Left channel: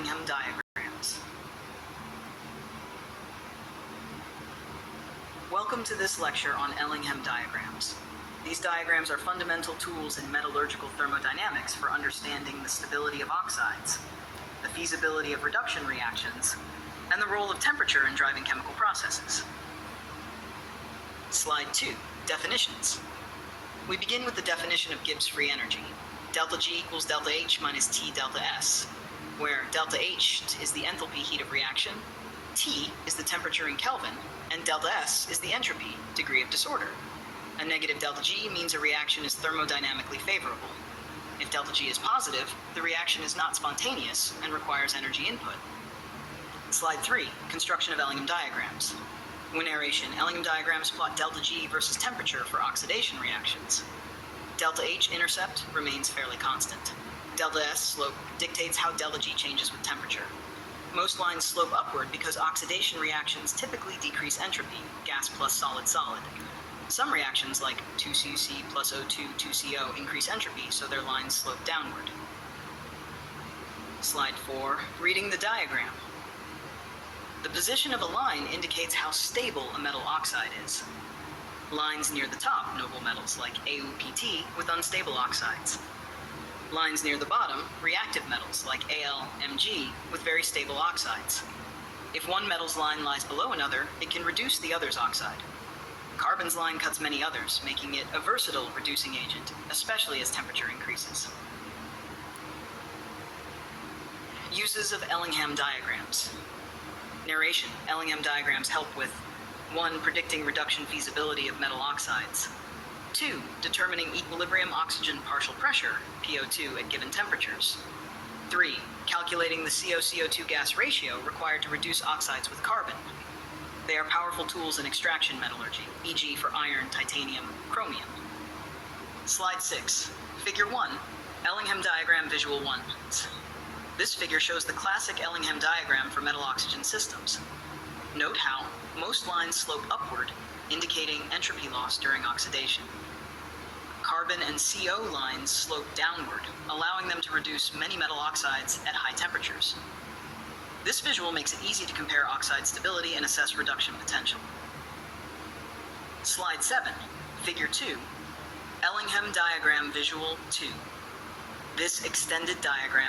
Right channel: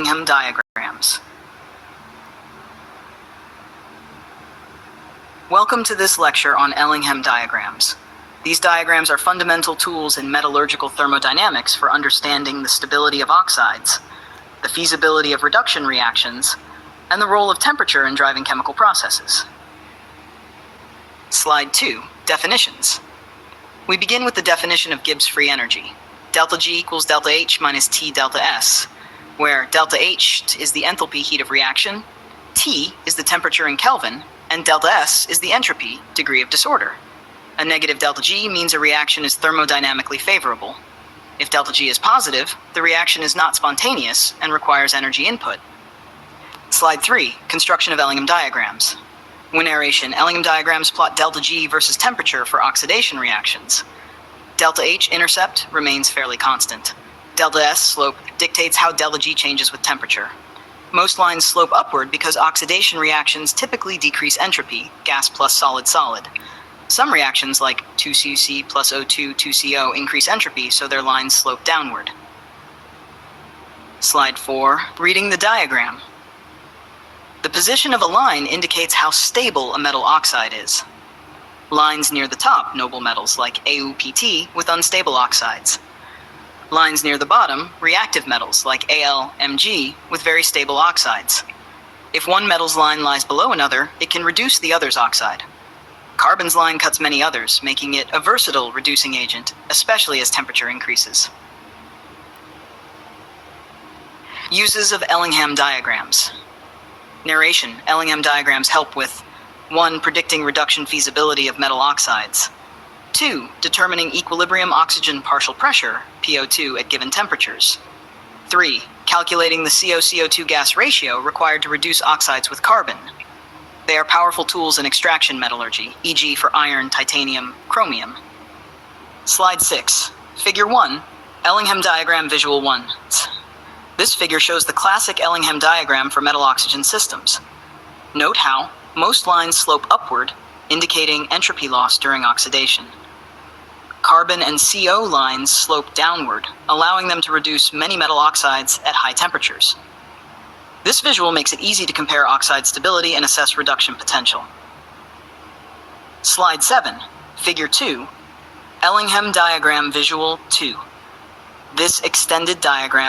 Ellingham Diagrams. Welcome to this lecture on Ellingham Diagrams. These diagrams are fundamental tools in metallurgical thermodynamics for understanding the stability of oxides, the feasibility of reduction reactions, and the role of temperature in driving chemical processes. Slide 2, Definitions. We begin with the definition of Gibbs free energy. Delta G equals delta H minus T delta S, where delta H is the enthalpy heat of reaction, T is the temperature in Kelvin, and delta S is the entropy, degree of disorder. A negative delta G means a reaction is thermodynamically favorable. If delta G is positive, the reaction is not spontaneous and requires energy input. Slide 3, Construction of Ellingham Diagrams. When narration, Ellingham diagrams plot delta G versus temperature for oxidation reactions. Delta H intercept remains fairly constant. Delta S slope dictates how delta G changes with temperature. Most lines slope upward because oxidation reactions typically decrease entropy, gas plus solid solid. Some reactions like 2CC plus O2, 2CO increase entropy, so their lines slope downward. Slide 4, Reading the diagram. The position of a line indicates how stable a metal oxide is. Lines near the top, noble metals like AuPT with unstable oxides. Lines near the bottom, reactive metals like AlMg with very stable oxides. If one metal's line lies below another, it can reduce the other's oxide. Carbon's line cuts many others, making it a versatile reducing agent, especially as temperature increases. Uses of Ellingham diagrams. Narration: Ellingham diagrams help with 1. Predicting reduction feasibility of metal oxides. 2. Determining equilibrium oxygen partial pressure, PO2, at given temperatures. 3. Calculating the CO-CO2 gas ratio required to reduce oxides with carbon. They are powerful tools in extraction metallurgy, e.g. for iron, titanium, chromium. Slide 6. Figure 1. Ellingham diagram visual 1. This figure shows the classic Ellingham diagram for metal oxygen systems. Note how most lines slope upward, indicating entropy loss during oxidation. Carbon and CO lines slope downward, allowing them to reduce many metal oxides at high temperatures. This visual makes it easy to compare oxide stability and assess reduction potential. Slide 7, Figure 2, Ellingham diagram visual 2. This extended diagram